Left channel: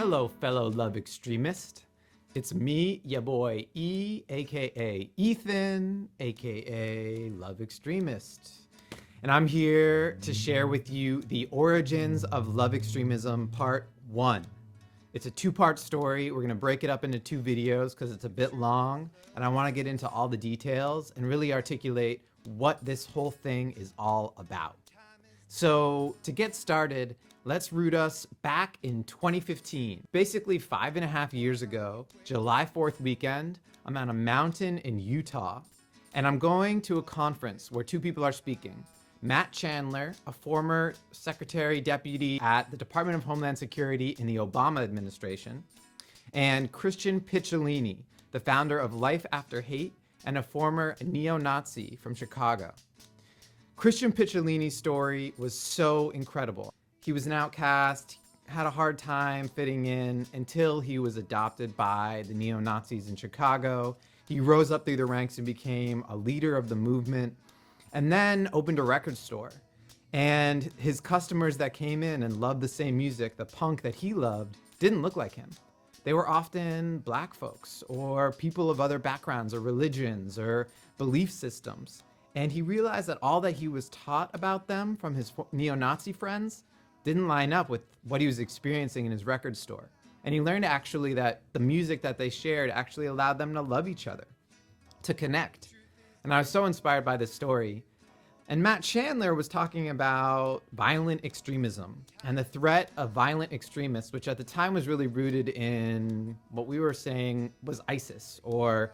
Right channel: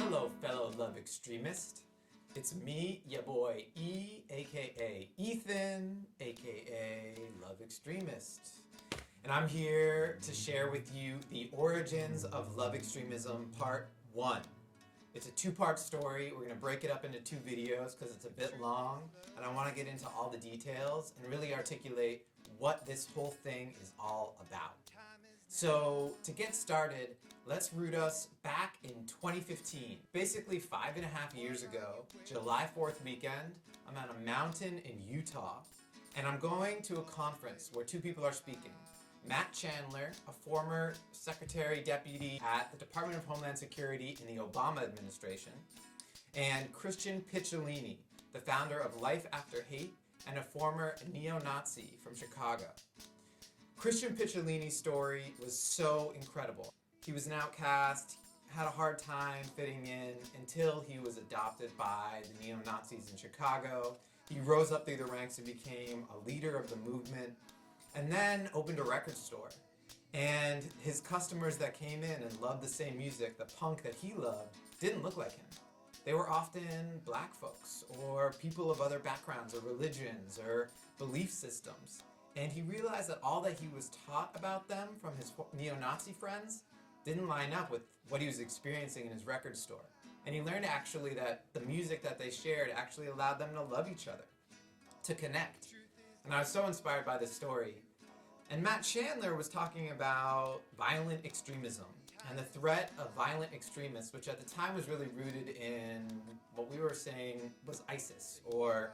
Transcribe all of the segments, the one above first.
Hello, fellow Love Extremist. It's me, ya boy E, aka Ethan, aka Love Extremist. And I'm here to share with you the origins of Love Extremism Part 1. It's a two-part story. We're going to break it up into two videos because it's a bit long, and I want to get into all the details and really articulate what this whole thing is all about. So to get started, let's root us back in 2015. Basically 5.5 years ago, July 4th weekend, I'm on a mountain in Utah, and I'm going to a conference where two people are speaking. Matt Chandler, a former secretary deputy at the Department of Homeland Security in the Obama administration, and Christian Picciolini, the founder of Life After Hate and a former neo-Nazi from Chicago. Christian Picciolini's story was so incredible. He was an outcast, had a hard time fitting in until he was adopted by the neo-Nazis in Chicago. He rose up through the ranks and became a leader of the movement, and then opened a record store. And his customers that came in and loved the same music, the punk that he loved, didn't look like him. They were often black folks or people of other backgrounds or religions or belief systems. And he realized that all that he was taught about them from his neo-Nazi friends didn't line up with what he was experiencing in his record store. And he learned actually that the music that they shared actually allowed them to love each other, to connect. And I was so inspired by this story. And Matt Chandler was talking about violent extremism and the threat of violent extremists, which at the time was really rooted in what we were saying was ISIS, or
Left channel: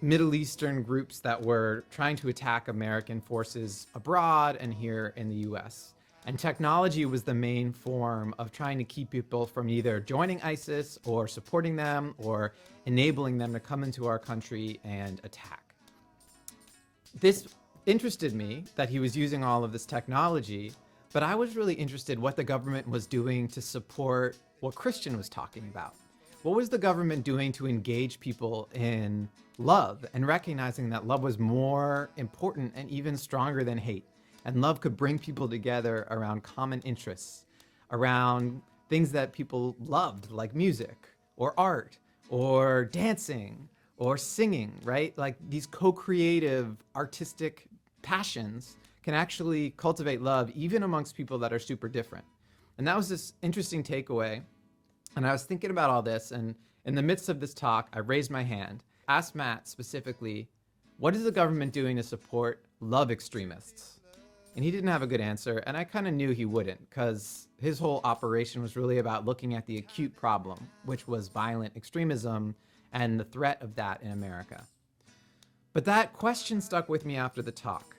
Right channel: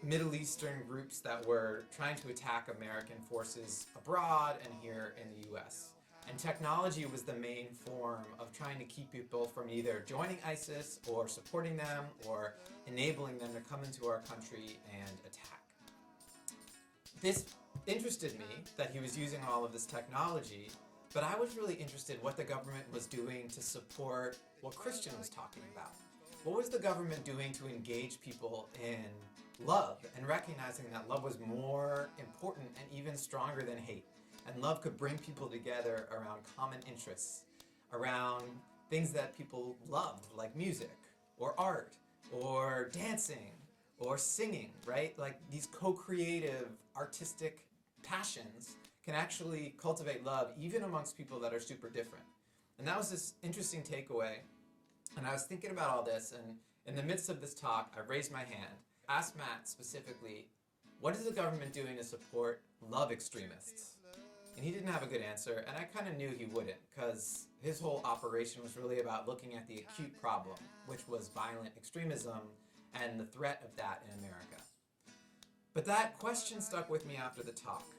Middle Eastern groups that were trying to attack American forces abroad and here in the US. And technology was the main form of trying to keep people from either joining ISIS or supporting them or enabling them to come into our country and attack. This interested me that he was using all of this technology, but I was really interested what the government was doing to support what Christian was talking about. What was the government doing to engage people in love and recognizing that love was more important and even stronger than hate? And love could bring people together around common interests, around things that people loved, like music or art or dancing or singing, right? Like these co-creative artistic passions can actually cultivate love even amongst people that are super different. And that was this interesting takeaway. And I was thinking about all this, and in the midst of this talk, I raised my hand, asked Matt specifically, what is the government doing to support love extremists? And he didn't have a good answer, and I kind of knew he wouldn't, because his whole operation was really about looking at the acute problem, which was violent extremism and the threat of that in America. But that question stuck with me after the talk,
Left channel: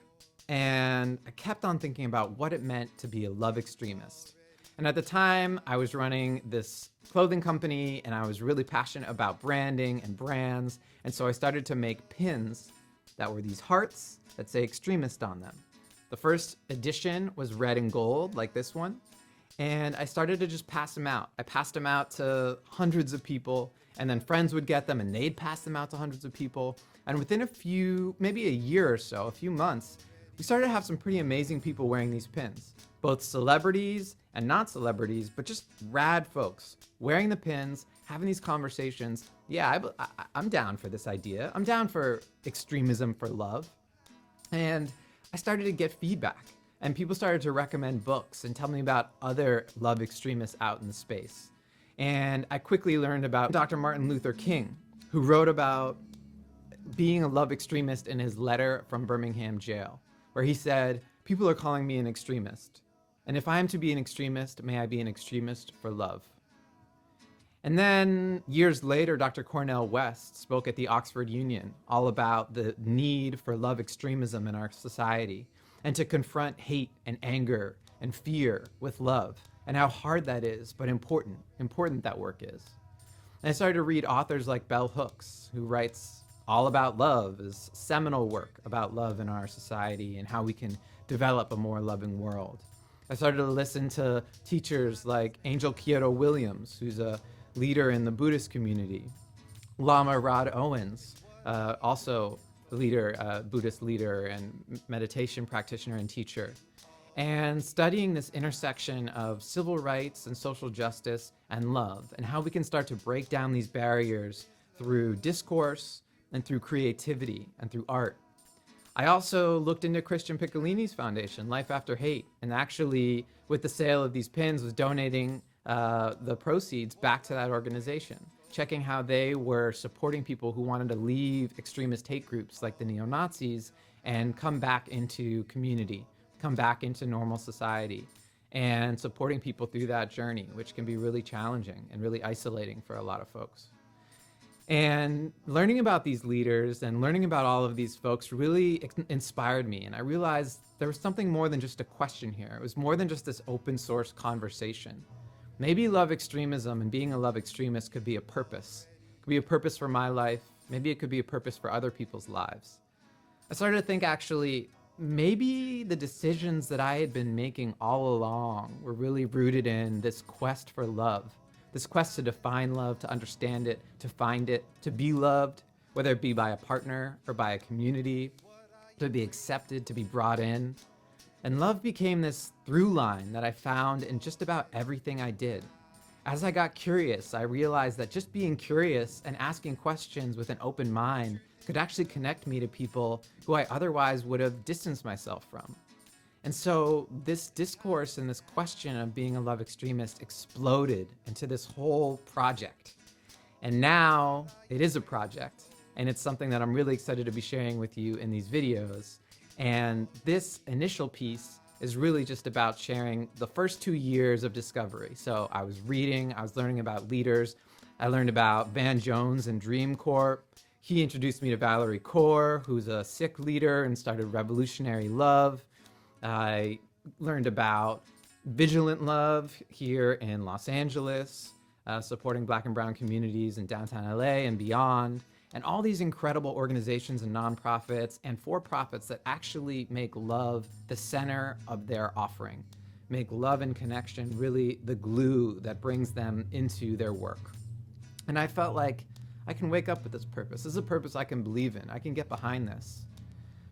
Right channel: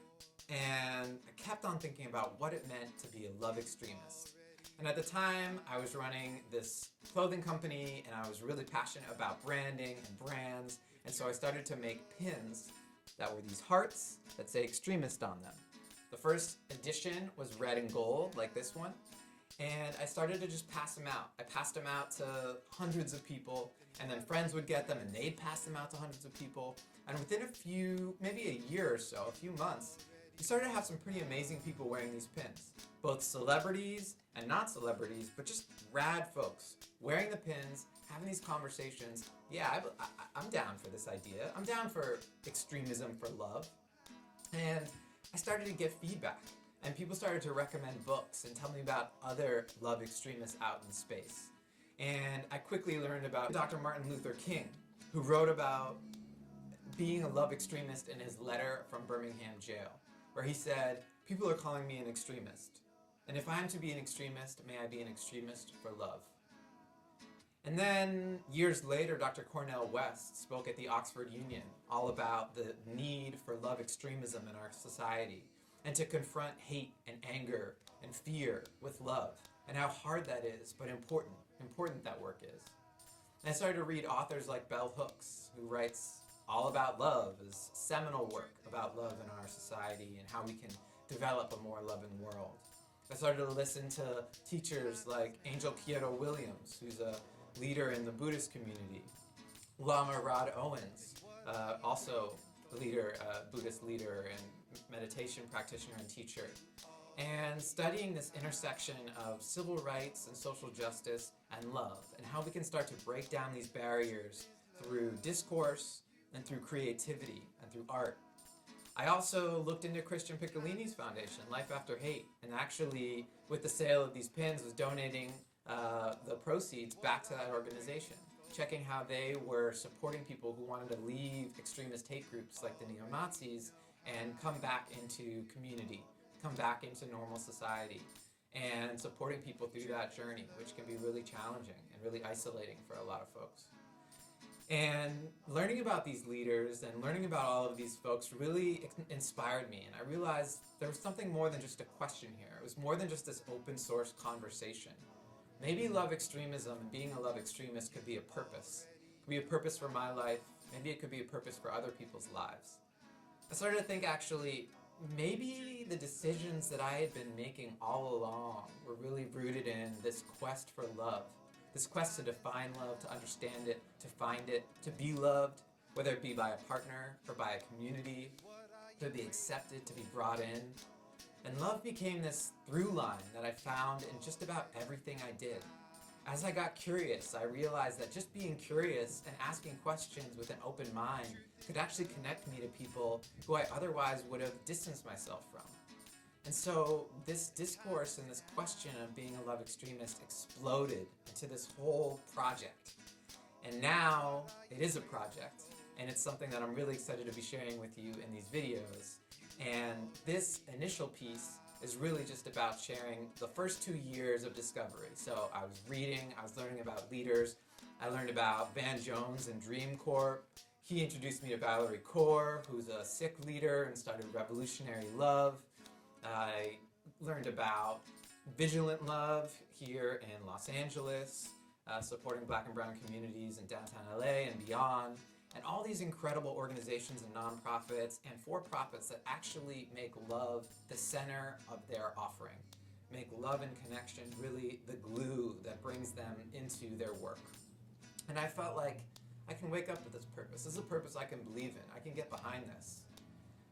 and I kept on thinking about what it meant to be a love extremist. And at the time, I was running this clothing company, and I was really passionate about branding and brands. And so I started to make pins that were these hearts that say extremist on them. The first edition was red and gold, like this one. And I started to just pass them out. I passed them out to hundreds of people, and then friends would get them, and they'd pass them out to hundreds of people. And within maybe a year or so, a few months, we started to have some pretty amazing people wearing these pins. Both celebrities and not celebrities, but just rad folks wearing the pins, having these conversations. Yeah, I'm down for this idea. I'm down for extremism for love. And I started to get feedback, and people started to recommend books and tell me about other love extremists out in the space. And I quickly learned about Dr. Martin Luther King, who wrote about being a love extremist in his letter from Birmingham jail, where he said, "People are calling me an extremist. And if I am to be an extremist, may I be an extremist for love." And then years later, Dr. Cornell West spoke at the Oxford Union all about the need for love extremism in our society and to confront hate and anger and fear with love, and how hard that is, but important that work is. And I started to read authors like Bell Hooks, who writes all about love, is seminal work about love in our society and how we can develop a more loving world. I started to listen to teachers like Angel Kyodo Williams, who's a leader in the Buddhist community. Llama Rod Owens, also leader, Buddhist leader and meditation practitioner and teacher. and studying this intersection of civil rights and social justice and love, and how we can start to break down these barriers through discourse and through creativity and through art. I also looked into Christian Picciolini's foundation, Life After Hate, and actually, with the sale of these pins, was donating the proceeds back to that organization, checking how they were supporting people who wanted to leave extremist hate groups like the neo-Nazis and come back into community, come back into normal society, and supporting people through that journey, which can be really challenging and really isolating for a lot of folks. And learning about these leaders and learning about all of these folks really inspired me. And I realized there was something more than just a question here. It was more than just this open source conversation. Maybe love extremism and being a love extremist could be a purpose. It could be a purpose for my life. Maybe it could be a purpose for other people's lives. I started to think, actually, maybe the decisions that I had been making all along were really rooted in this quest for love. This quest to define love, to understand it, to find it, to be loved, whether it be by a partner or by a community, to be accepted, to be brought in. And love became this through line that I found in just about everything I did. As I got curious, I realized that just being curious and asking questions with an open mind could actually connect me to people who I otherwise would have distanced myself from. And so this discourse and this question of being a love extremist exploded into this whole project. And now it is a project, and it's something that I'm really excited to be sharing with you in these videos. And this initial piece is really just about sharing the first 2 years of discovery. So I was reading, I was learning about leaders. I learned about Van Jones and Dream Corp. He introduced me to Valerie Kaur, who's a Sikh leader and started Revolutionary Love. I learned about Vigilant Love here in Los Angeles, supporting Black and brown communities in downtown LA and beyond, and all these incredible organizations and nonprofits and for-profits that actually make love the center of their offering, make love and connection really the glue that brings them into their work. And I felt like I can wake up with this purpose. This is a purpose I can believe in. I can get behind this.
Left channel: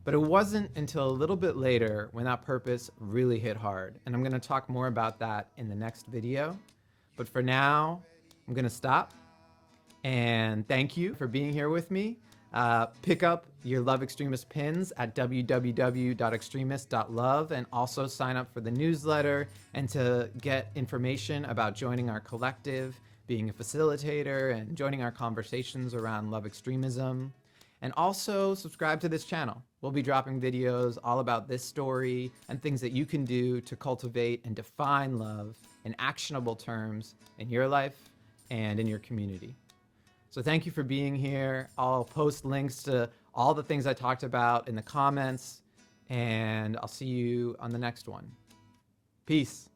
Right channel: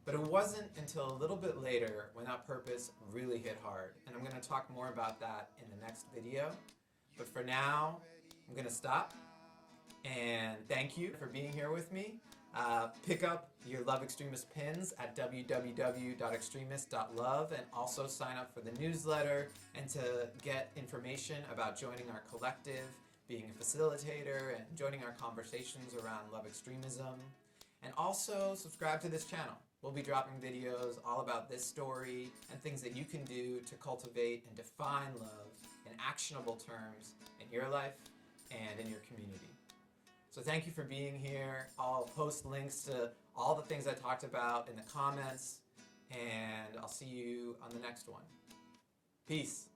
But it wasn't until a little bit later when that purpose really hit hard. And I'm going to talk more about that in the next video. But for now, I'm going to stop. And thank you for being here with me. Pick up your Love Extremist pins at www.extremist.love, and also sign up for the newsletter and to get information about joining our collective, being a facilitator, and joining our conversations around love extremism. And also subscribe to this channel. We'll be dropping videos all about this story and things that you can do to cultivate and define love in actionable terms in your life and in your community. So thank you for being here. I'll post links to all the things I talked about in the comments, and I'll see you on the next one. Peace.